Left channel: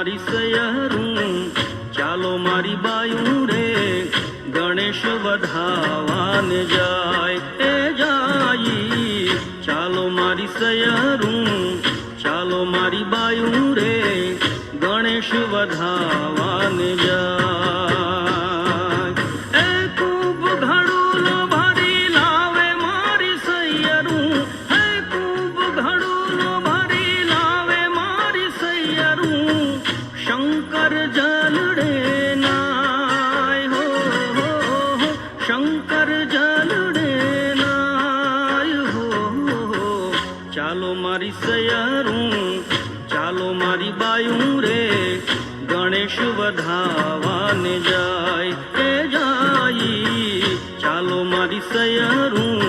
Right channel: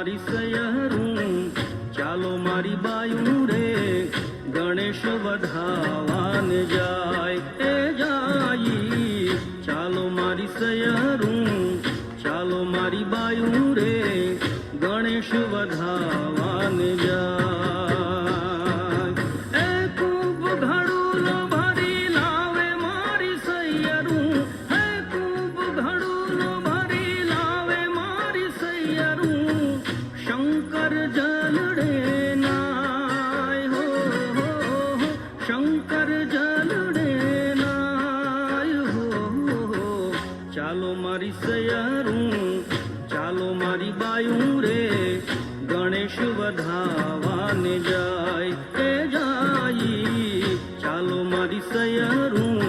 મારી સયરું ચાલો મારી બાયું રે ગણેશ વધાવાને જાય એ જાય ચાલો મારી સયરું ચાલો મારી બાયું રે ગણેશ વધાવાને જાય ચાલો મારી સયરું ચાલો મારી બાયું રે ગણેશ વધાવાને જાય એ જાય ચાલો મારી સયરું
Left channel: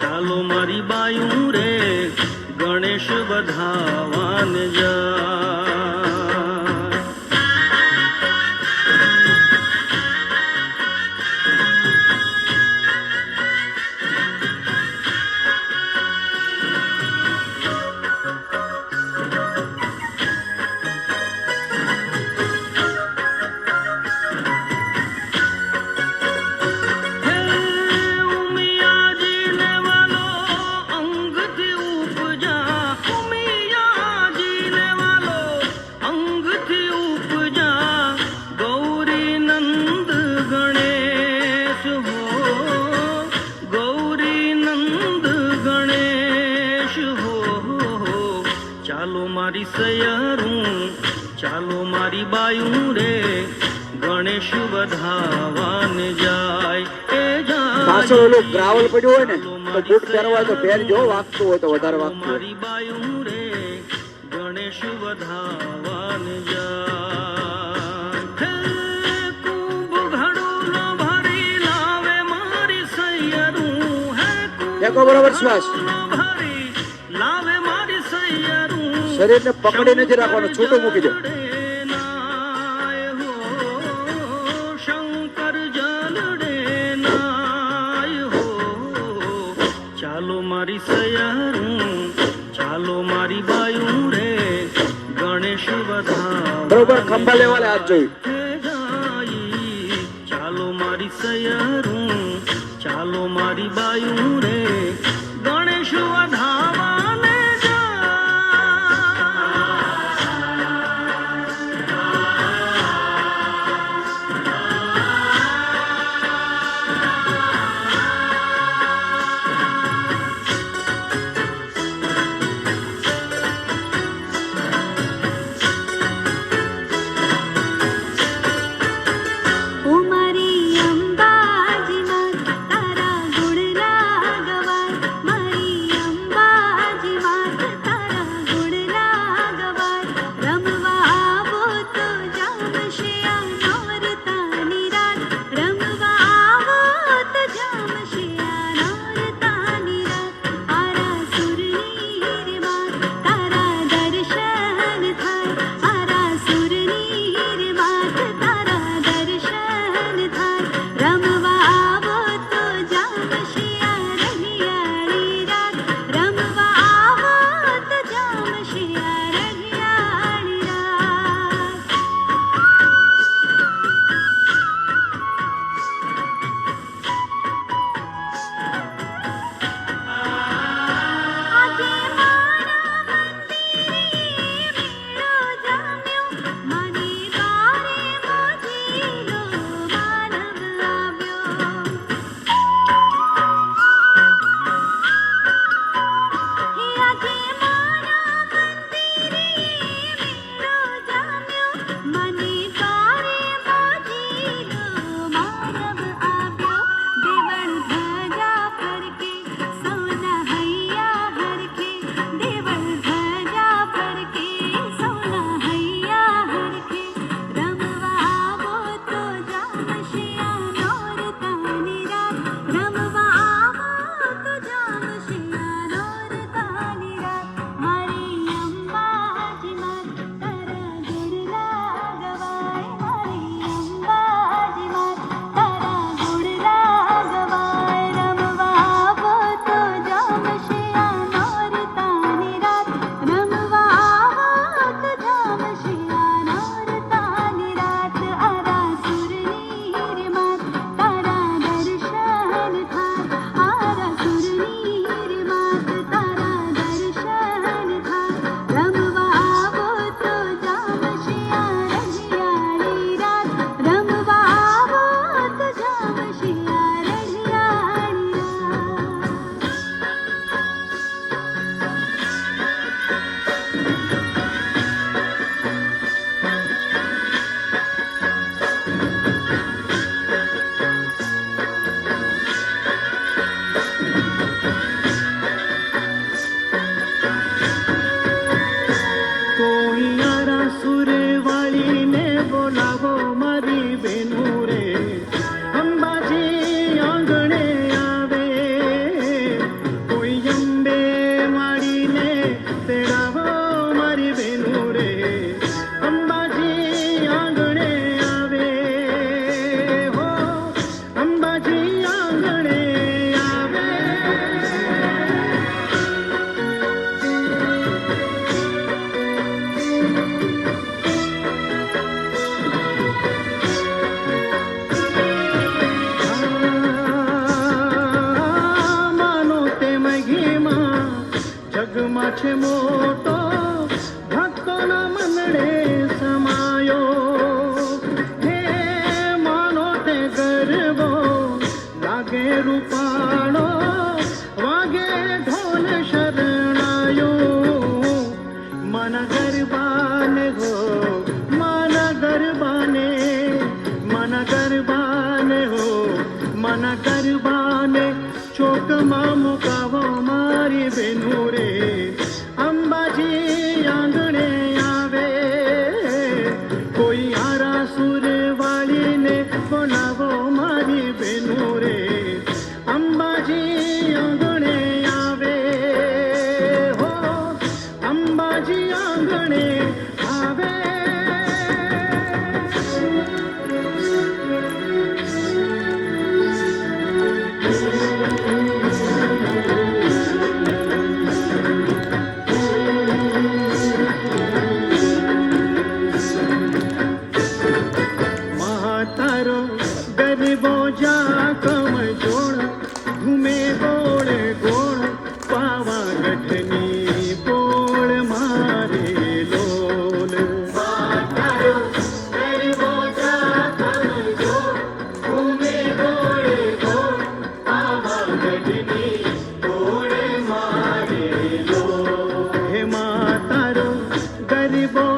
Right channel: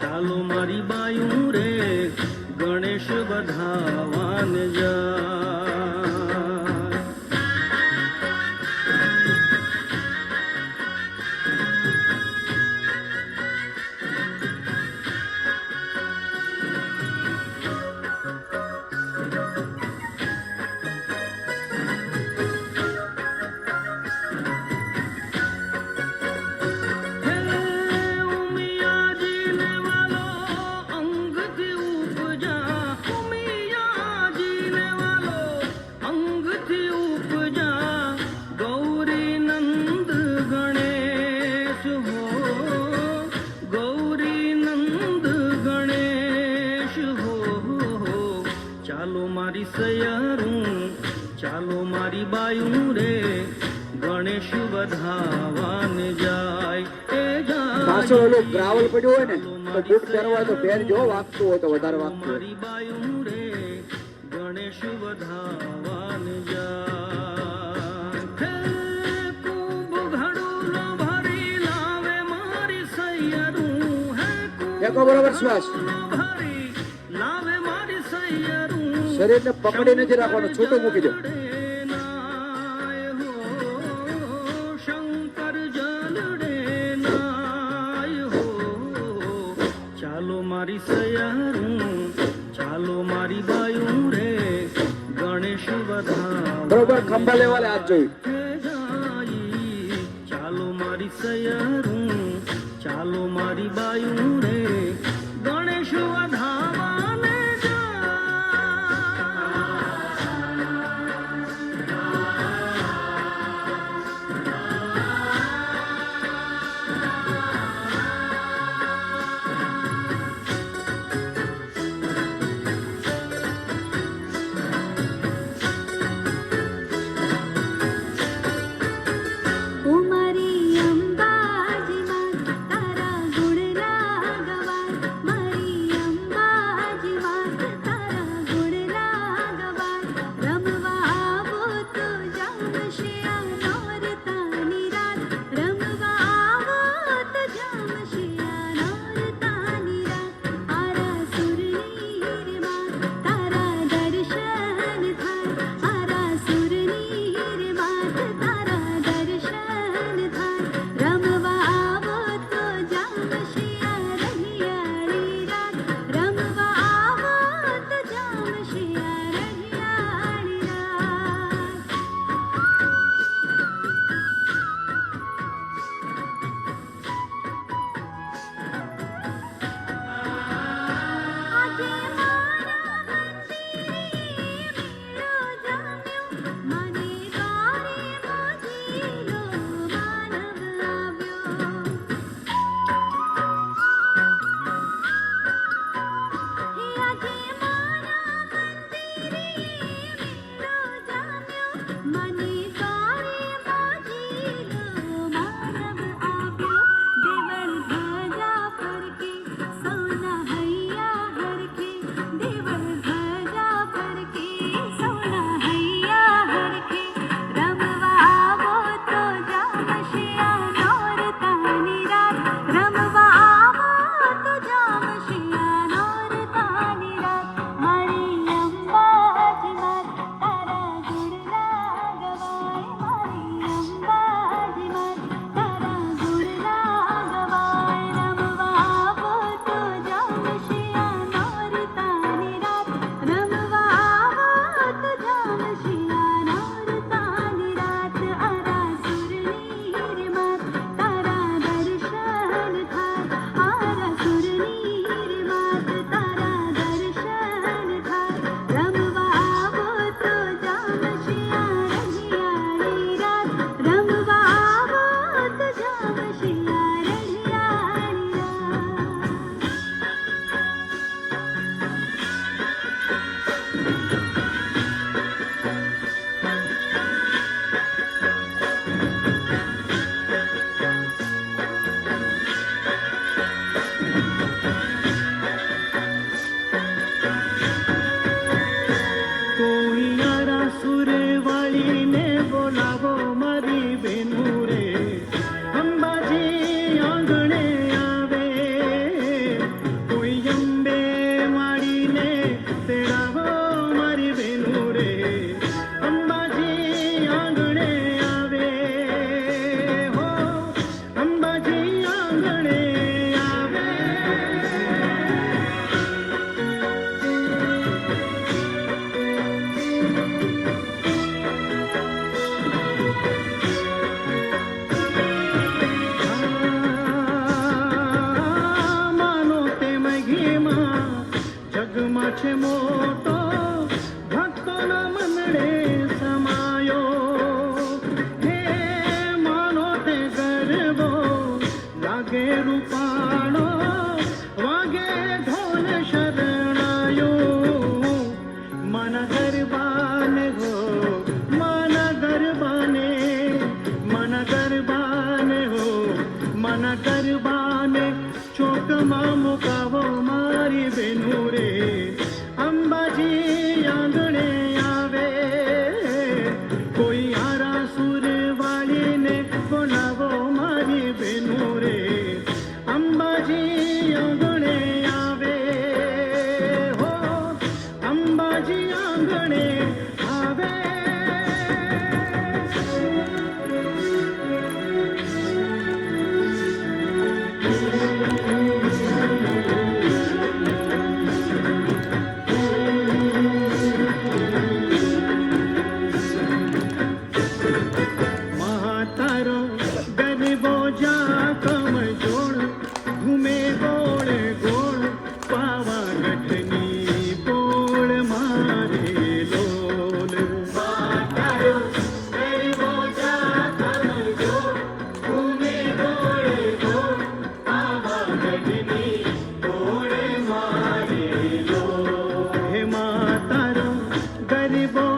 ચાલો મારી બાયું રે ગણેશ વધાવાને જાય ચાલો મારી સયરું ચાલો મારી બાયું રે ગણેશ વધાવાને જાય એ જાય પાછળ ઓલો ગ્રાવલ પડ્યો હોય ને તો બૂટ પહેરવા તો પહેરજો વાગતું હોય તો વધારે વાગતું મારી બાયું રે ગણેશ વધાવાને જાય કુંભ ઘડુલો ભરી લાવે મારી સયરું દેખો બરાબર શ્વાસ શરીર ને પકડી નથી રાખવાનું છૂટું મૂકી દો શંકર જલડે નાય હો ચાલો મારી સયરું ચાલો મારી બાયું રે ગણેશ વધા બરોબર ખંભા લેવાલે હાથ જોઈ ચાલો મારી સયરું ચાલો મારી બાયું રે ગણેશ વધાવા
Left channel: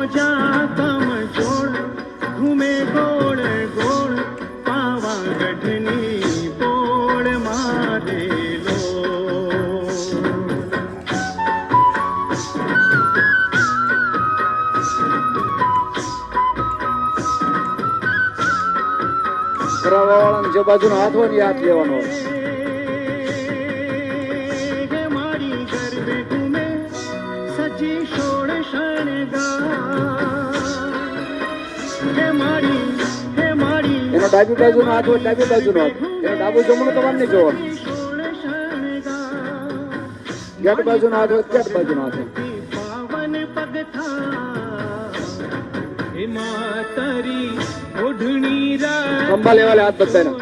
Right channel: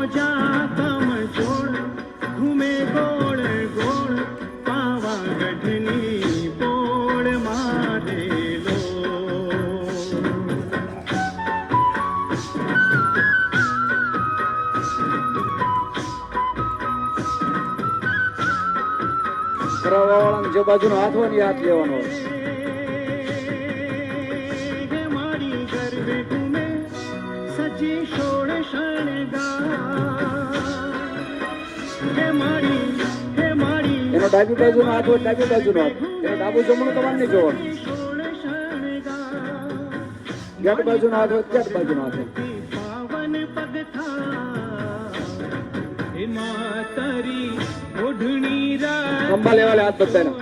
बोझा कम जोड़ घूमे गोड़ गोड़ पावागढ़नी पोड़ मारे लो કરાવવાવાળાને જે બાજુનો હાથ હોય ને એ હાથ લેવાનો હોય. मारी गरबे घूमे सजी शोड़ शणगार मारी એનો ડાબી બાજુનો હાથ હોય ડાબી બાજુનો હાથ, એનો ડાબુ જમણું તમારે નહીં જોવાનું. ગેટ બાજુનો હાથ હોય ગેટ બાજુનો હાથ હોય. पावन पग था हिमातरी ओढ़नी रात ખંભા લેવાલે હાથ બધાના.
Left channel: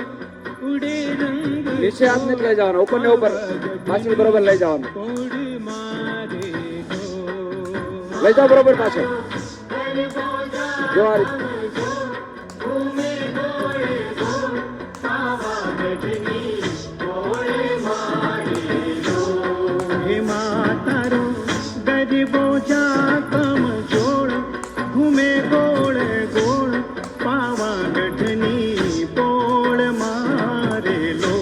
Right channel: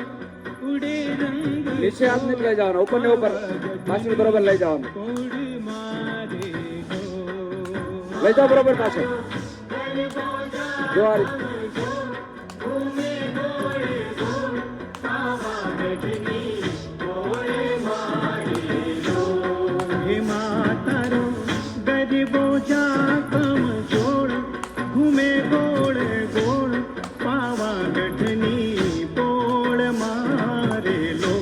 उड़े रंग નીચે હાથ નથી લઈ જવાનો, ઉપર ને ઉપર પાછળ બરોબર લઈ જવાનું. कोड़ मारे લઈ જાઓ બરોબર પાછળ. જો આ રીતે. हिमातरो गरीबो जा कम जोड़ घूमे गोड़ गोड़ पावागढ़नी पोड़ मारे लो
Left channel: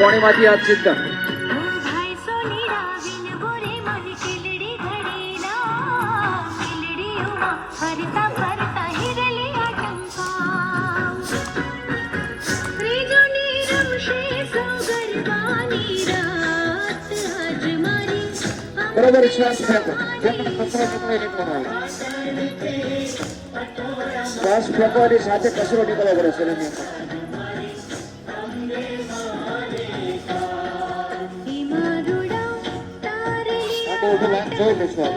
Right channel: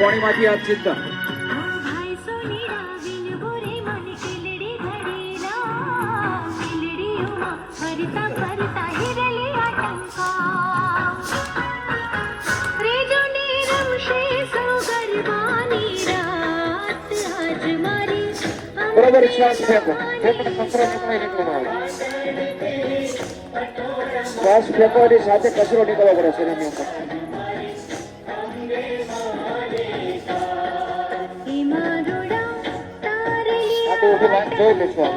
કોણીમાંથી હાથ સીધા. બરોબર શ્વાસ ફેંકો. શ્વાસ ફેંકવાની સાથે કચરો નીકળવો પડે શરીરની અંદર. જોઈ લેશું.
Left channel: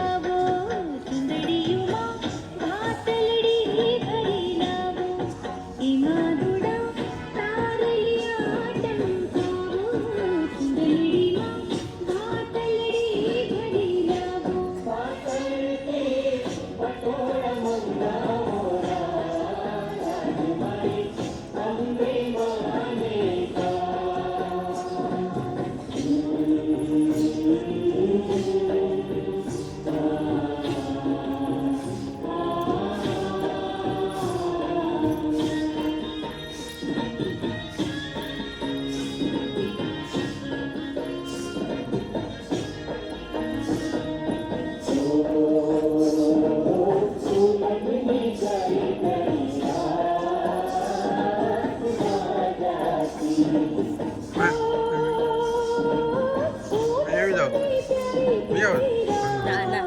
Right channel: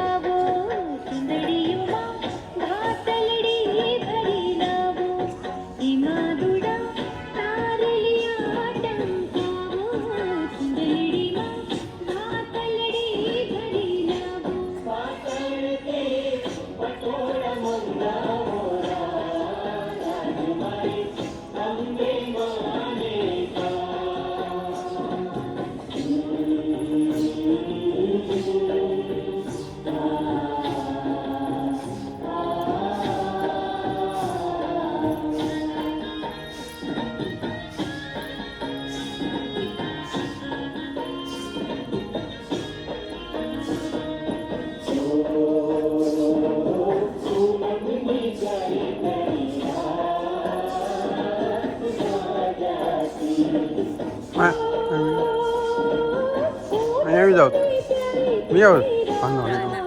આવી જાવ નહીં આવે વાંધો નહીં.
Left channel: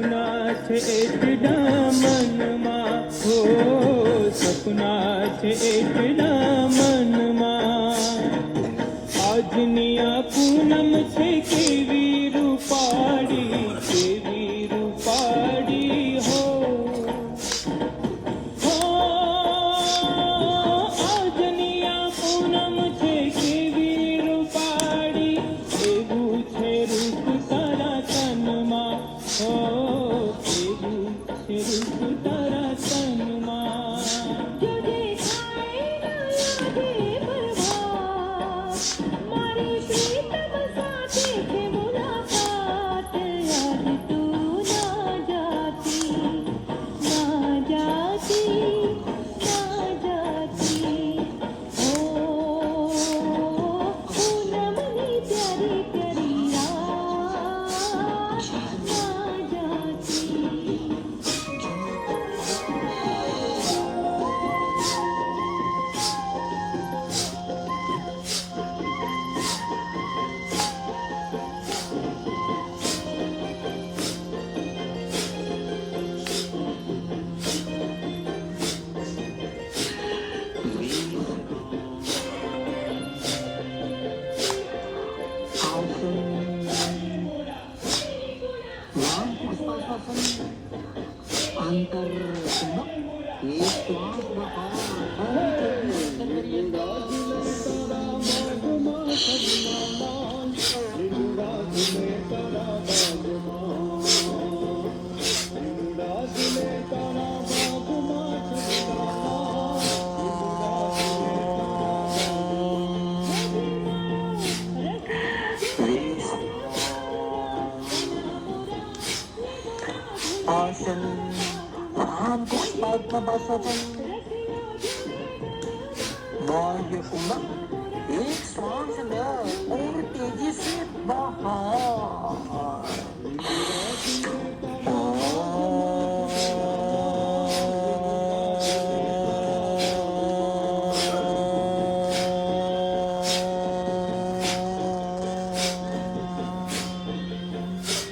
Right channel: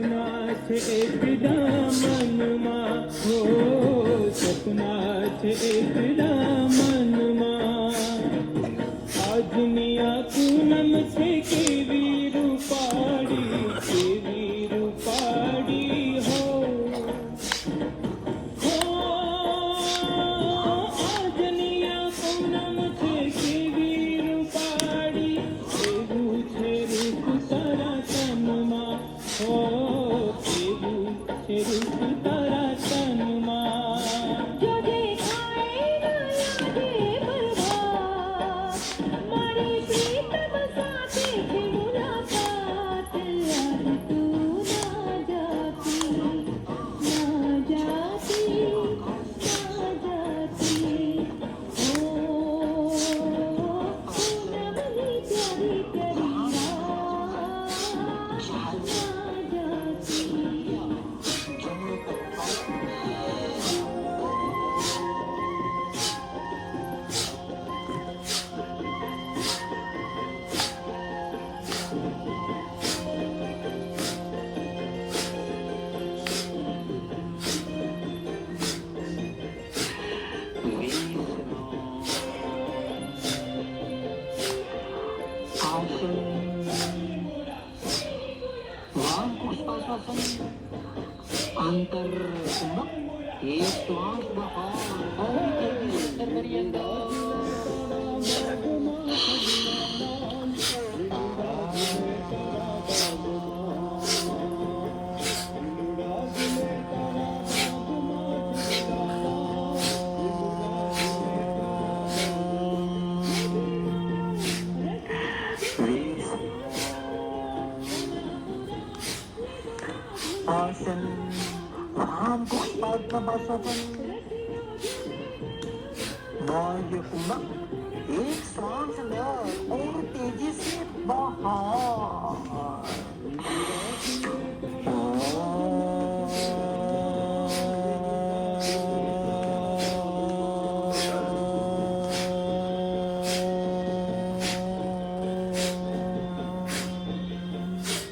સપના છે એકડા મનમાં હો સપના છે એકડા મનમાં આજની આ પૂનમ છે કેવી રૂપાળી હો આજની આ પૂનમ છે કેવી રૂપાળી એવું છે રૂપ તારા તનમાં હો એવું છે રૂપ તારા તનમાં જો દેખાય ન લાગે પ્રભાત મારી પ્રીતમ સાથે છે મુલાકાત યાદ તું ના જાતી ઓ પૂનમની પ્યારી પ્યારી રાત ના જાતી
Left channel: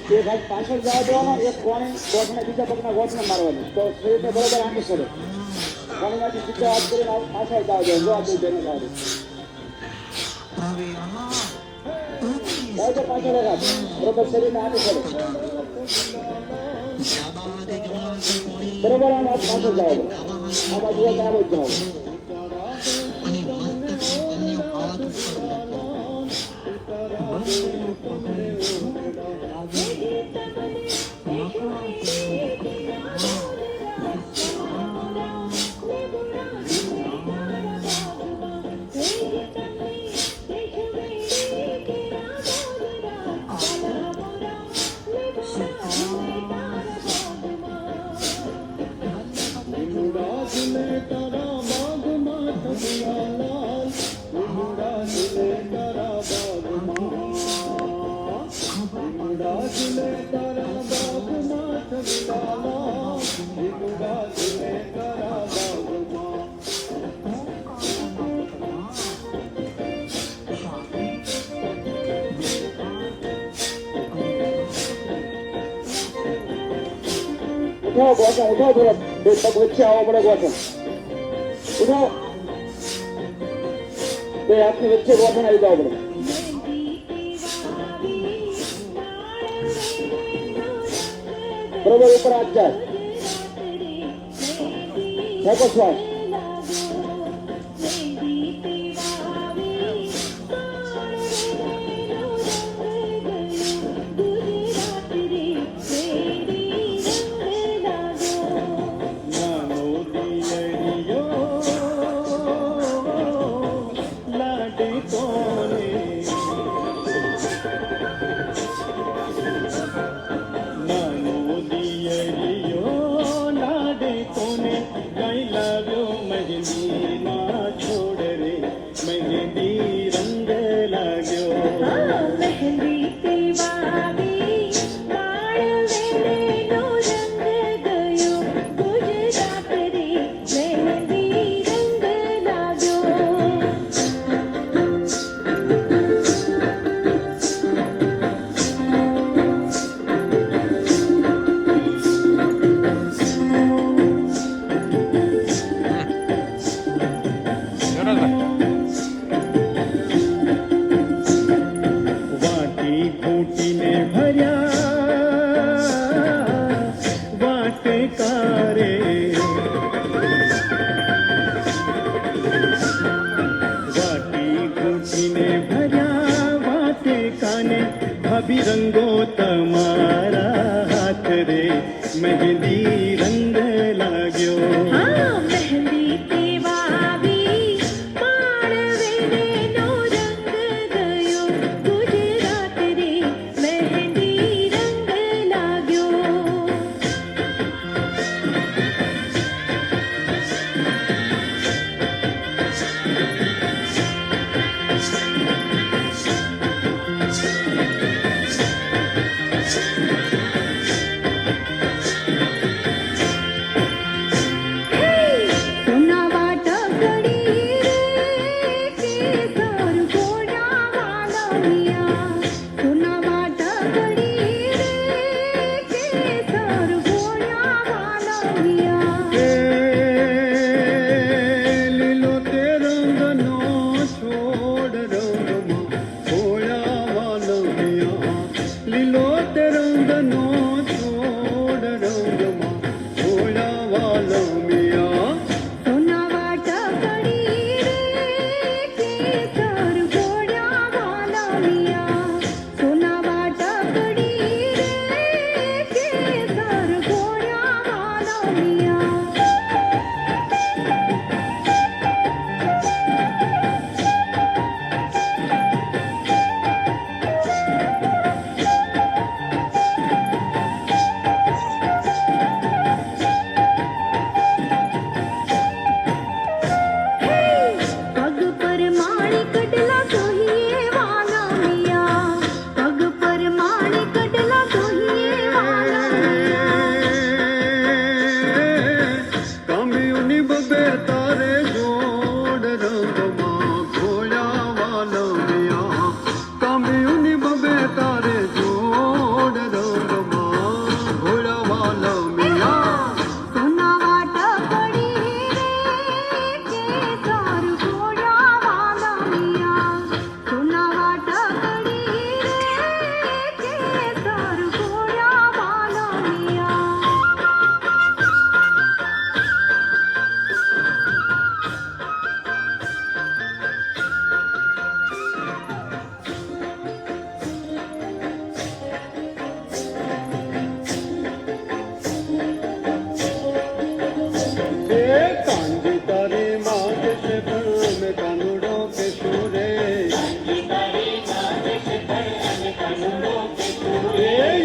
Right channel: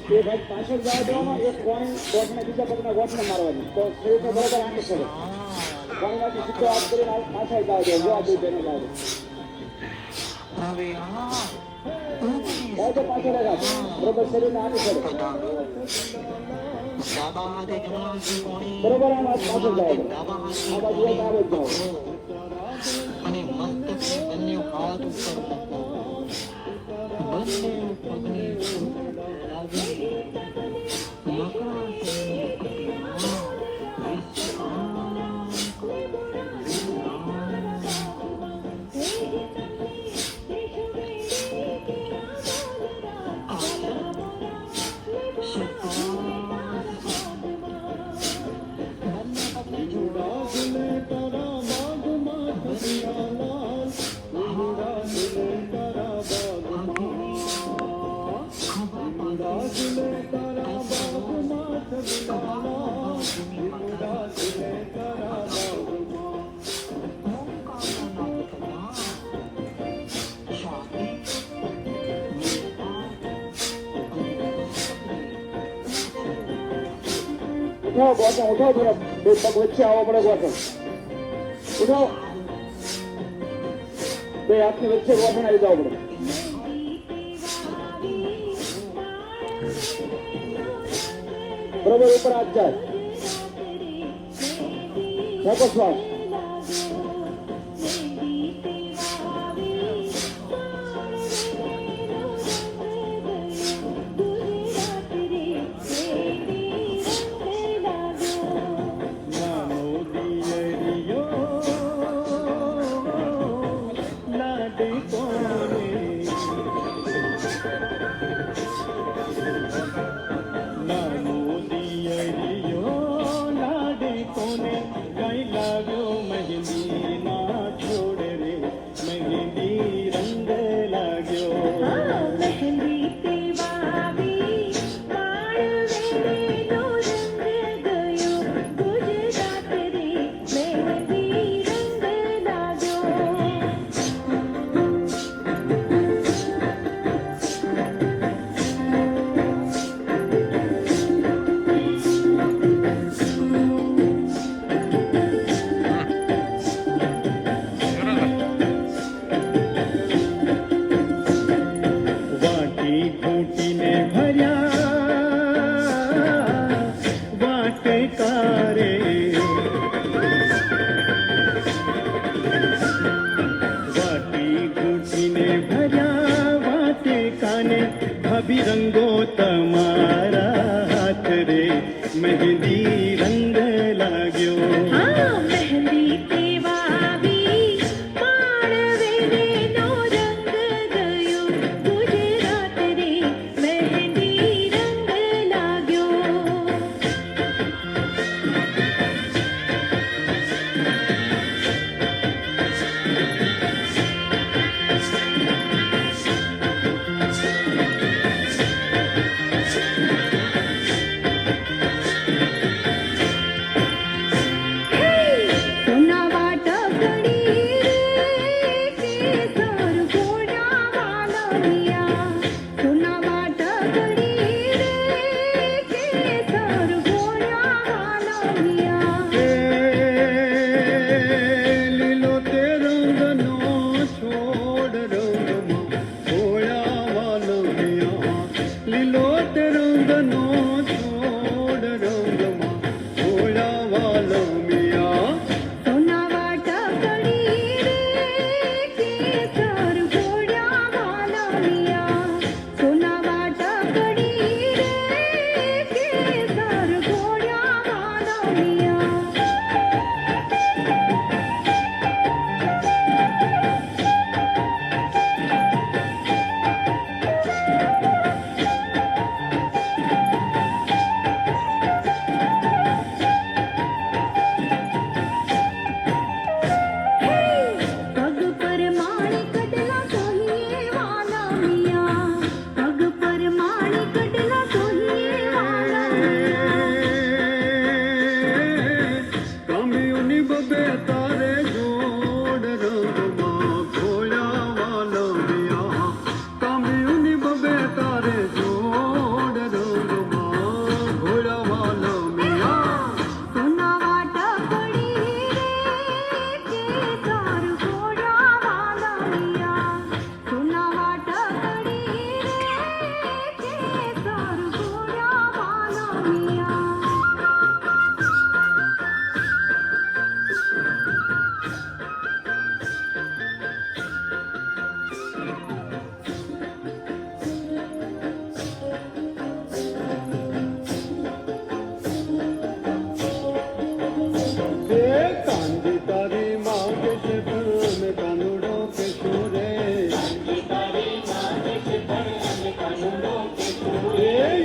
એક હાથ પાછળ જવા દેવાનો, એક કોણે ગોઠને બીજા પગના ગોઠને મારવાનું, તો સ્ત્રીને બરોબર આંટી કરો. કોણીમાંથી સીધો હાથ કરીને પાછળ જવા દેવાનું, જો આ બે બેને મારી. બરોબર પાછળ રાખ, બરોબર શરીરને આંટી કરો. બરોબર આમ પાછળ જવા દો. આ બાજુ એક આવે જ જાઓ. ઉઠો ગોઠણ, ઉઠો થોડો બે પગ વચ્ચે આવો પડે ગોઠણ. ઉઠો બે હાથની વચ્ચે ગોઠણ આવી જાવ પડે. બરોબર ઉપર હાથ જાય. ખેંચો શ્વાસ. રંગો તમારા હાથ રે મહેંદી રંગ લાગ્યો હા મહેંદી કેવાવી માળવેનો રંગ ગયો ગુજરાત રે મહેંદી રંગ લાગ્યો સોના વાટકડી રે કેસર ઘોડા વાલમિયા સોના વાટકડી રે કેસર ઘોડા વાલમિયા લીલો તે રંગનો છોડ રંગમાં ઘોડા વાલમિયા લીલો તે રંગનો છોડ રંગમાં ઘોડા વાલમિયા સોના વાટકડી રે કેસર ઘોડા વાલમિયા સોના વાટકડી રે કેસર ઘોડા વાલમિયા પગ પર માણી કડલા સોહીએ વાલમિયા પગ પર માણી કડલા સોહીએ વાલમિયા કામ્યુની બબે તારે જોડ રંગમાં ઘોડા વાલમિયા કામ્યુની બબે તારે જોડ રંગમાં ઘોડા વાલમિયા સોના વાટકડી રે કેસર ઘોડા વાલમિયા સોના વાટકડી રે કેસર ઘોડા વાલમિયા કાંજી તારી માંગે છે પણ કાનુડો કે સુરે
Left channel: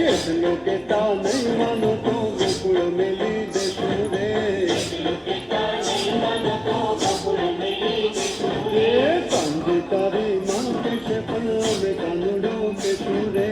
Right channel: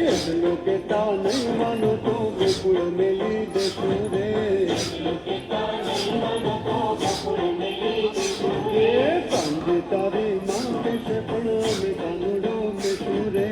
એટલો કે તા નહીં માનો તો ગોકુળ મેલી દેશું રે કાંજી તારી માંગે છે પણ કાનુડો કે સુરે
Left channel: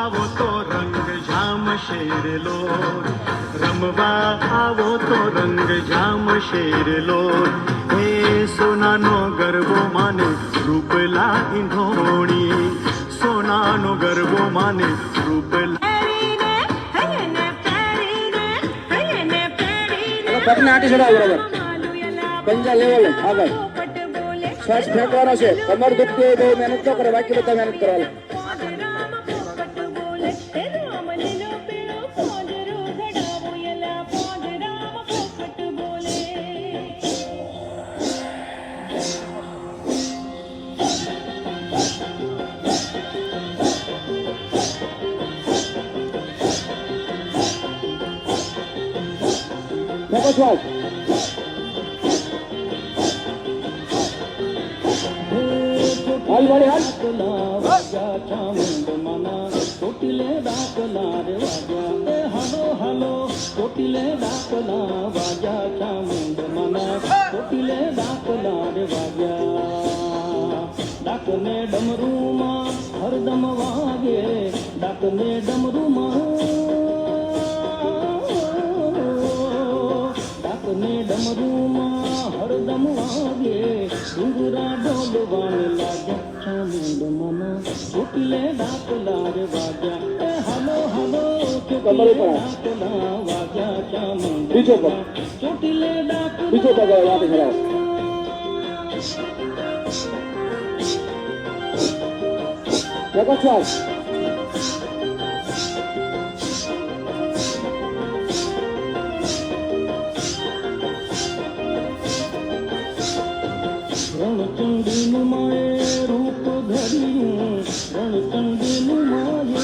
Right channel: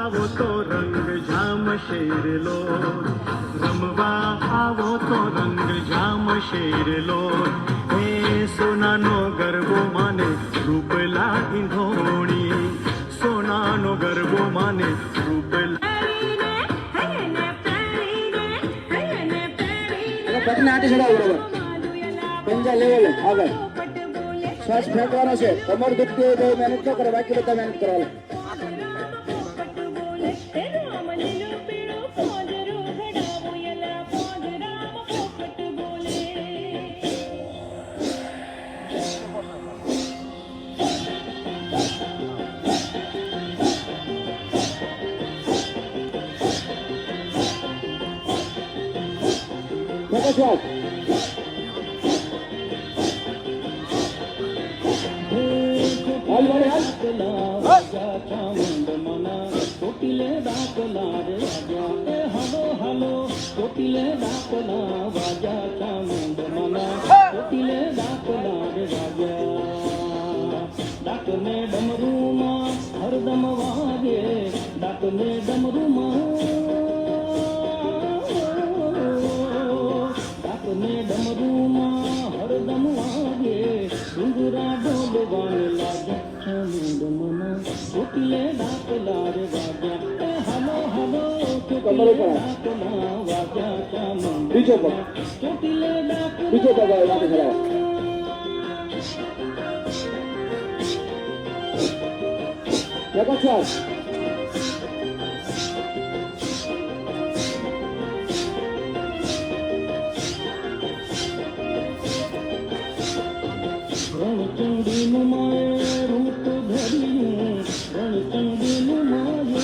આવો તો રંગ જામ શેર લો, રમવા આવો તો રંગ જામ શેર લો. હે સોનાનો ગરબો માને રૂપલા ઈંધોણી, સોનાનો ગરબો માને રૂપલા. પગને આંટી ચડાવો બરોબર, પંજા લેવલ આગળ, શ્વાસ ફેંકવાનો છે. કમર દુખતી હોય બહુ મહેનત ન કરે, બાકી બધા મહેનત કરવાનું. ફેંકો શ્વાસ. હાલ વાળી હાલ. વાગ્યા ચામુંડ મના કોટિલે ડાકલા રે વાગ્યા. હાલો હાલો કોટિલે ડાકલા વાગ્યા ચામુંડ મના કોટિલે ડાકલા રે વાગ્યા. ડાકને ડમરૂમાં હરદમ વાગે, ડાકને ડમરૂમાં, ડાકને ડમરૂમાં હરદમ વાગે. ડુંગરા ડોલવાને લાગ્યા ચામુંડ મના કોટિલે ડાકલા રે વાગ્યા. હાલો હાલો કમર ઉપર હાથ. ડાકલા વાગ્યા ચામુંડ બીજો પગ, કોટિલે ડાકલા. બીજો પગ હવે આંટી ચડાવો. ફેંકો શ્વાસ. રણચંડીનું માએ રૂપ ધર્યું, રણચંડીનું માએ,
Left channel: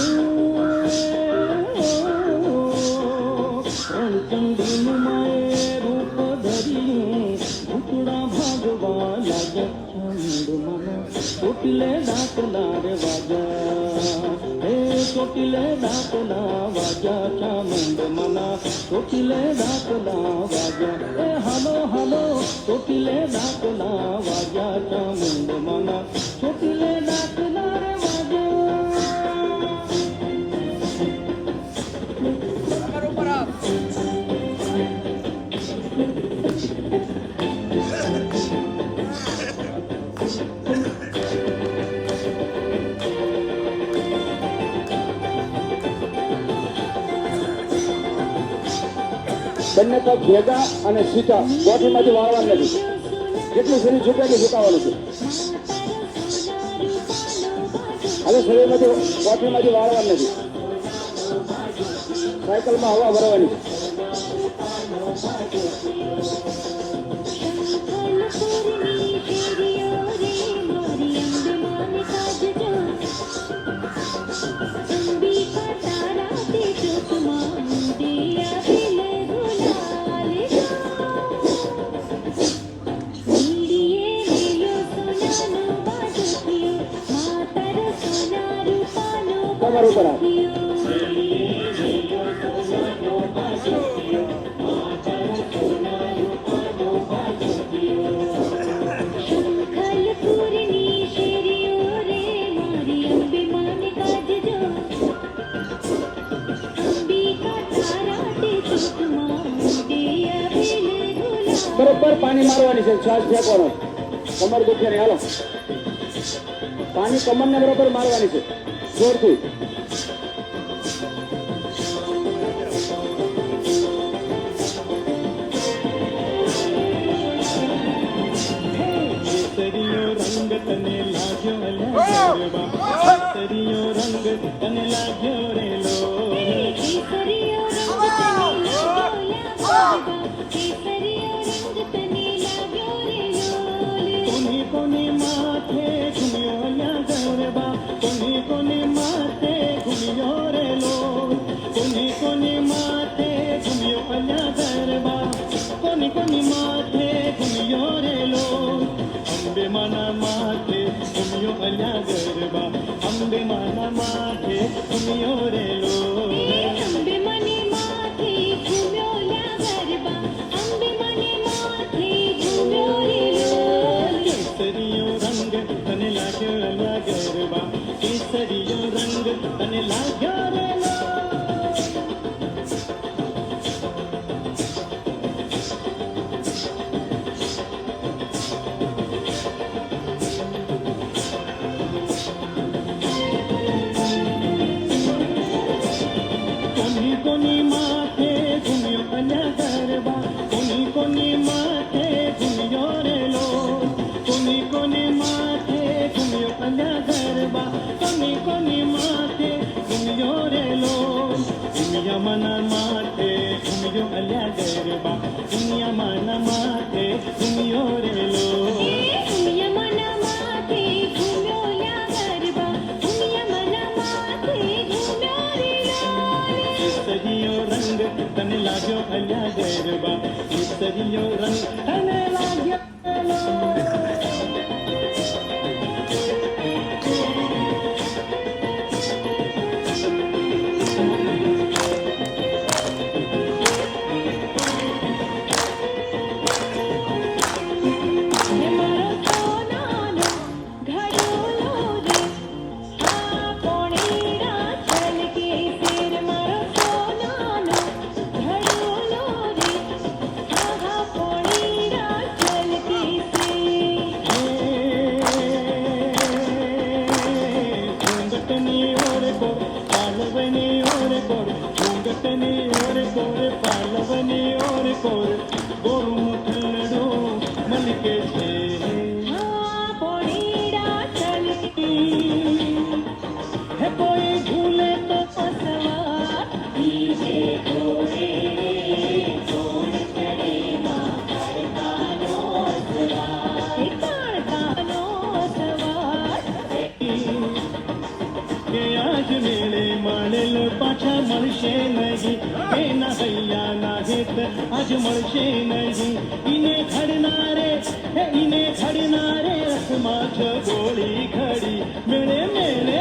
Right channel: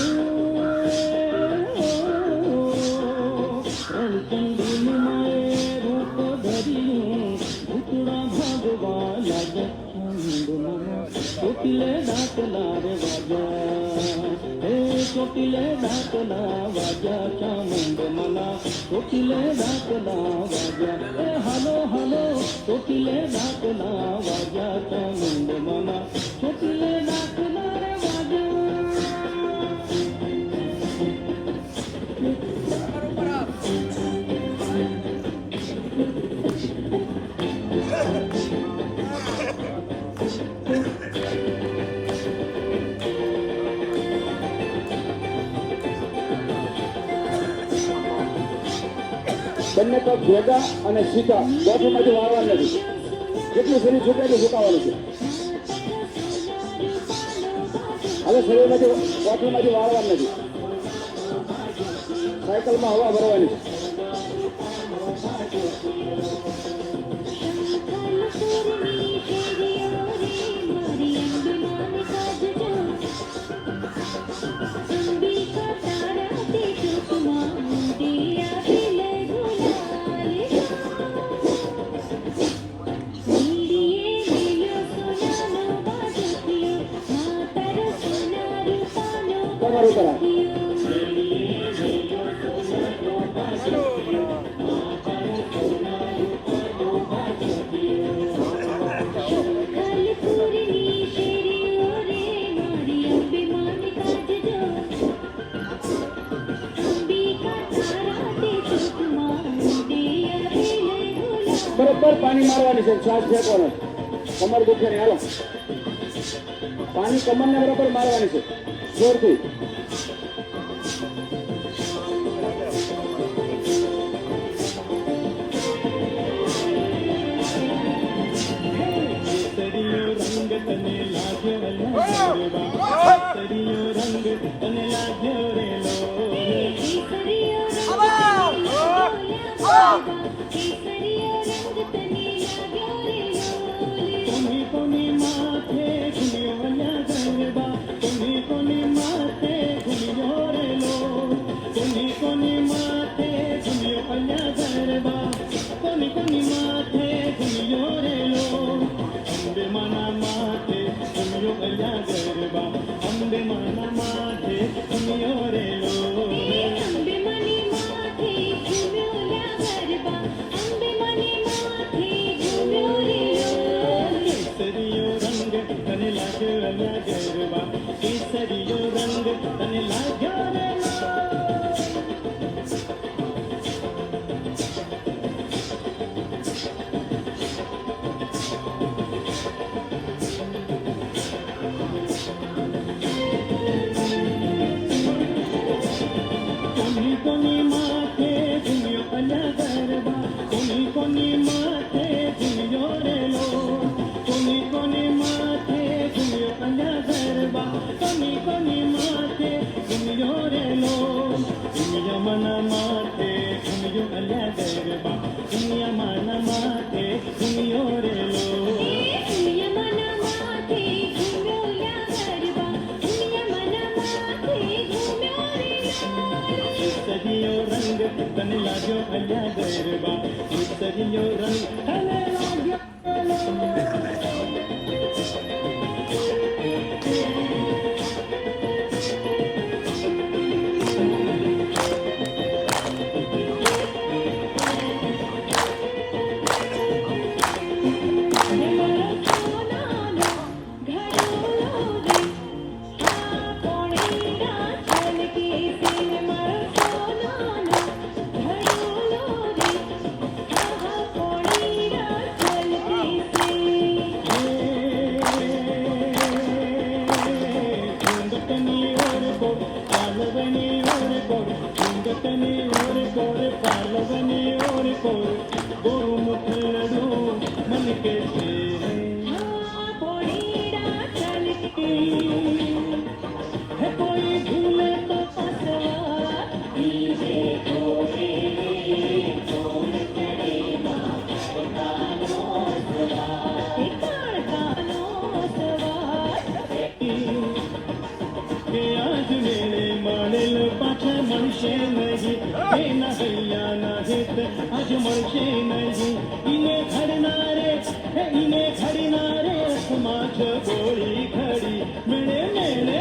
રણચંડીનું માએ રૂપ ધર્યું. ભૂતડા ભાગવા લાગ્યા ચામુંડ મના કોટિલે ડાકલા રે વાગ્યા. હે ચોટીલે ડાકલા વાગ્યા ચામુંડ મના ચોટીલે ડાકલા વાગ્યા. એ હાલો હાલો ચોટીલે ડાકલા વાગ્યા ચામુંડ મના ચોટીલે ડાકલા રે બંને પગ ભેગા અને સીધા, ગોઠણમાંથી વાળવાનું નથી. જેટલું શરીર ઝૂકે એટલું ઝુકાવવાનું છે. હવે શરીરમાંથી ગોઠણમાંથી વાળવાનું નથી. સાયકલમાં હવા ભરવાની. કમર ઉપર હાથ. બરોબર પાણી મારવાની છે, શ્વાસ ફેંકવાનો. કમર દુખે ને હાલો, પાણી કમરને બરોબર મારવાની છે જોરથી. કેસરીયો રંગ તને લાગ્યો અલ્યા ગરબા, કેસરીયો રંગ તને લાગ્યો રે લો. કોની કોની માથે ઘૂમ્યો અલ્યા ગરબા, કોની કોની માથે ઘૂમ્યો રે લો. કોની કોની માથે ઘૂમ્યો અલ્યા ગરબા, કોની કોની માથે ઘૂમ્યો રે લો. અંબે માના માથે ઘૂમ્યો અલ્યા ગરબા, અંબે માના માથે ઘૂમ્યો રે લો. કેસરીયો રંગ તને લાગ્યો અલ્યા ગરબા, કેસરીયો રંગ તને લાગ્યો કોની માથે ઘૂમ્યો અલ્યા ગરબા, કોની માથે ઘૂમ્યો રે લોલ, કોની માથે ઘૂમ્યો અલ્યા ગરબા, કોની માથે ઘૂમ્યો રે લોલ. દુનિયા મના માથે ઘૂમ્યો અલ્યા ગરબા, દુનિયા મના માથે ઘૂમ્યો રે લોલ. સરિયો રંગ તને લાગ્યો અલ્યા ગરબા, સરિયો રંગ તને લાગ્યો પાછા મળશે નહીં, એના હૈયાના હેત આજ મળશે નહીં. ઈને ઘડનારે રસમાં જ ગોળી ઘડી મેળે મેળે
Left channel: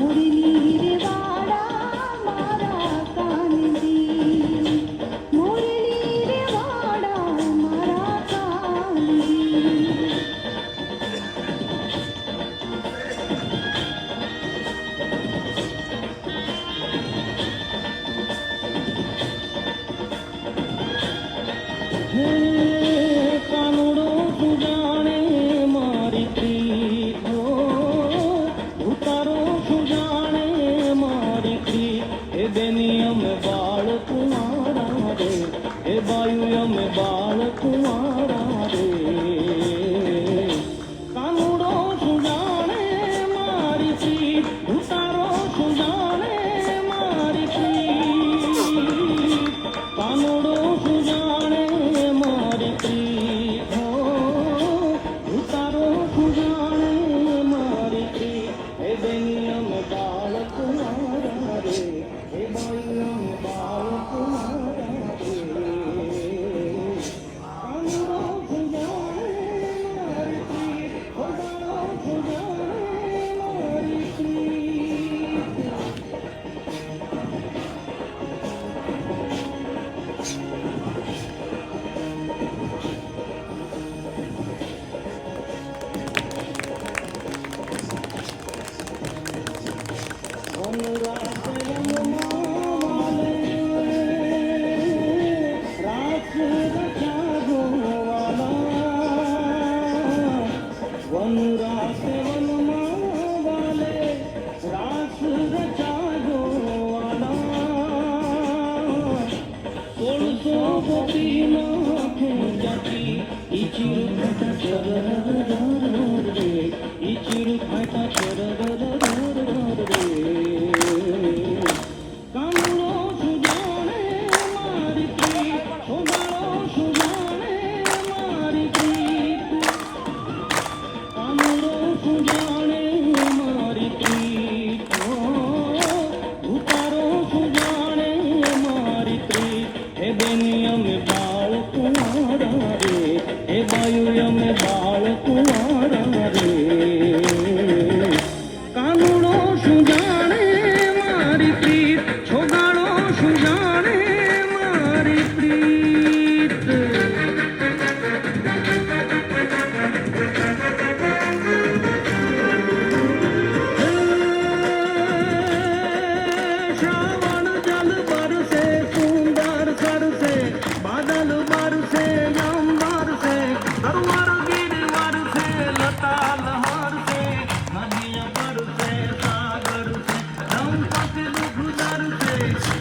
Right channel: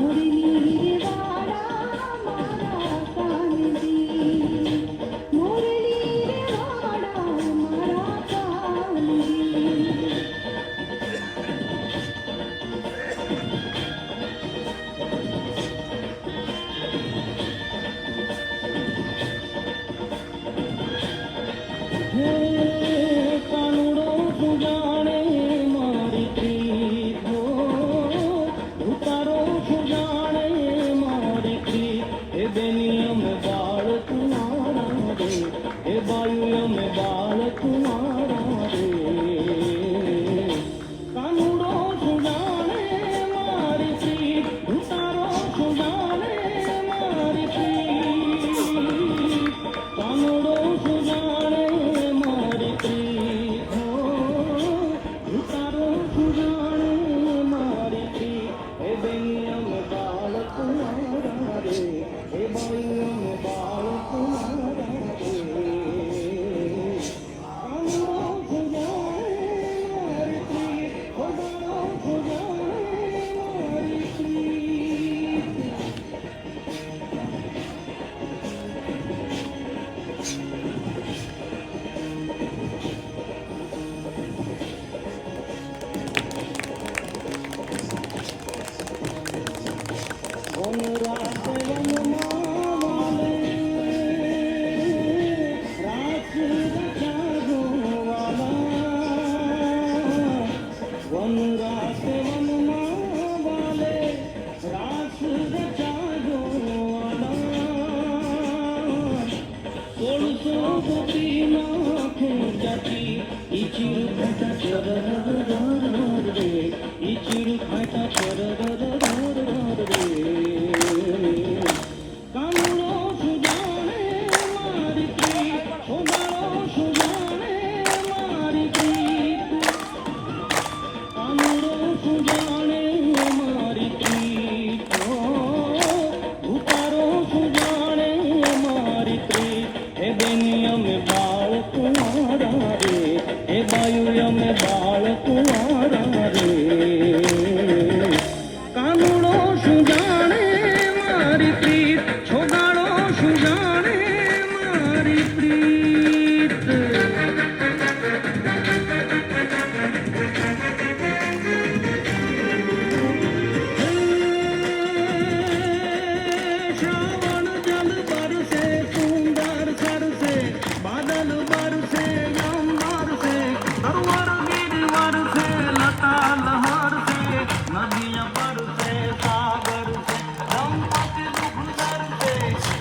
મુરલી રે વાડા મારા કાનજી, મુરલી રે વાડા મારા કાનજી. હે કાનુડો તું જાણે મારી પ્રીત હો, ઉતારો તું જાણે મારી પ્રીત. હે બેની અમે બાળ કુંવારા રે, હે બાયુ અમે બાળ કુંવારા રે. કાનુડો તું જાણે મારી પ્રીત, ઉતારો તું જાણે મારી પ્રીત. કાનુડો તું જાણે મારી પ્રીત હો, ઉતારો તું જાણે મારી પ્રીત. હે બેની અમે બાળ કુંવારા રે, હે બાયુ અમે બાળ કુંવારા રે. કાનુડો તું જાણે મારી પ્રીત, ઉતારો તું જાણે મારી પ્રીત. કાનુડો સુજાણે મારી પ્રીત, સોનારો સુજાણે મારી પ્રીત. કાનુડો સુજાણે મારી પ્રીત હો, ઉતારો સુજાણે મારી પ્રીત. હે બેની અમે બાળ કુંવારા રે, હે બાયુ અમે બાળ કુંવારા રે. કાનુડો સુજાણે મારી પ્રીત, છોગાડો સુજાણે મારી પ્રીત. શ્રાવણ જલ બરસે સુંદર સરસે, બાદલ બરસે યમ બરસે, સરોવર ગીર વરસે લતા લહરસે, નદિયા બરસે સાગર સે, દંપતિ દુઃખ દરસે,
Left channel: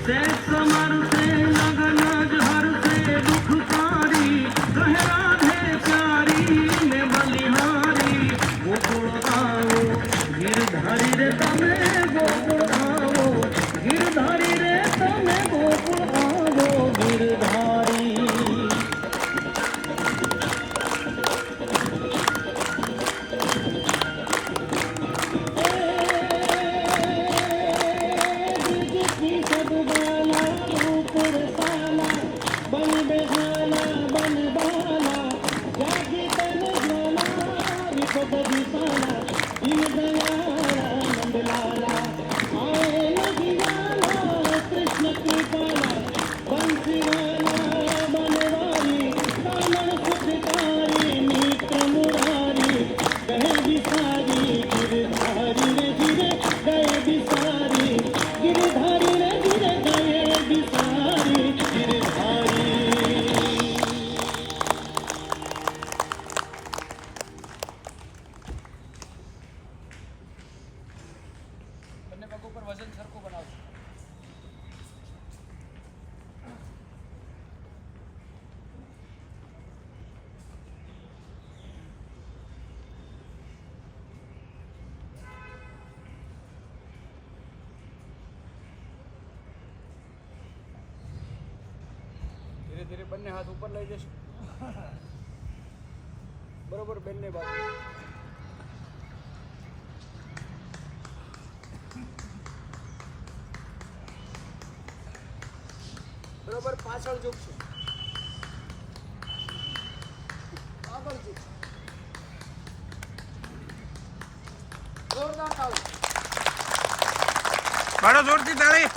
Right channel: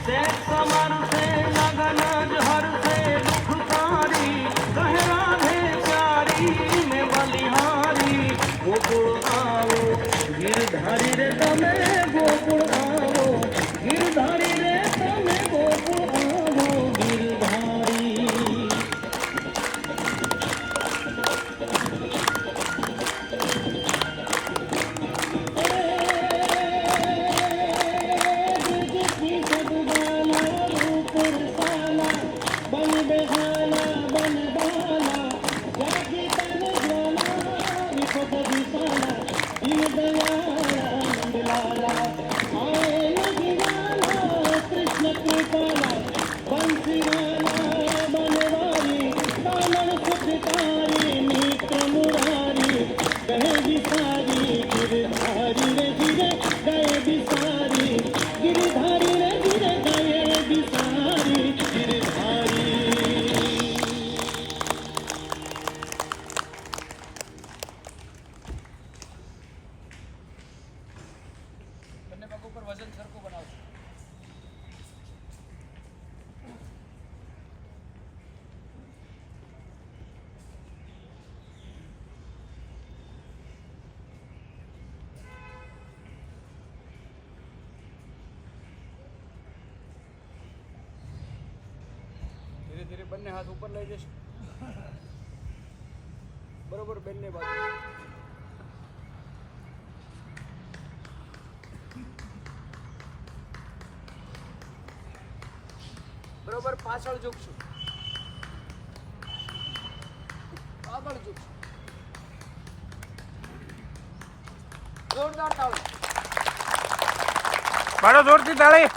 શેષ સમરસે લગન જ હરસે. દુઃખ તારી કહે રાધે પ્યારી ને બલિહારી. ગોકુળ આવો ગિરધારી રે તમે, ગોકુળ આવો ગિરધારી રે તમે, ગોકુળ આવો ગિરધારી. બીજી સદબાલા રૂપ રસાલા, બન બેહાલા બન બાલા, જાગી તન જ્વાલા વિપદ દિશાલા, દીન દયાળા મંડલાલા. આए નગીવાલા કૃષ્ણ કૃપાલા, બંસીવાલા બનવારી, દાનણ સુખકારી મિત્ર મુરારી. કહે બિસારી ગિરધારી રે ગિરે ગયે બિસારી, ગિરધારી રે ગિરે ગયે બિસારી ગિરધારી. બંને પગ ઉપર વજન સરખું બનાવજો. ધીરે ધીરે બંને હાથ ઉપર લઈ જશો, બરોબર બંને બાજુ. બરોબર પાછળ ઝૂકશું, આગળ ઝૂકશું. જોરદાર તાળી. પાડો જોરથી તાળી.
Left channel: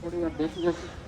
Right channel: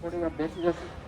થોડી વાર બેસી જશે.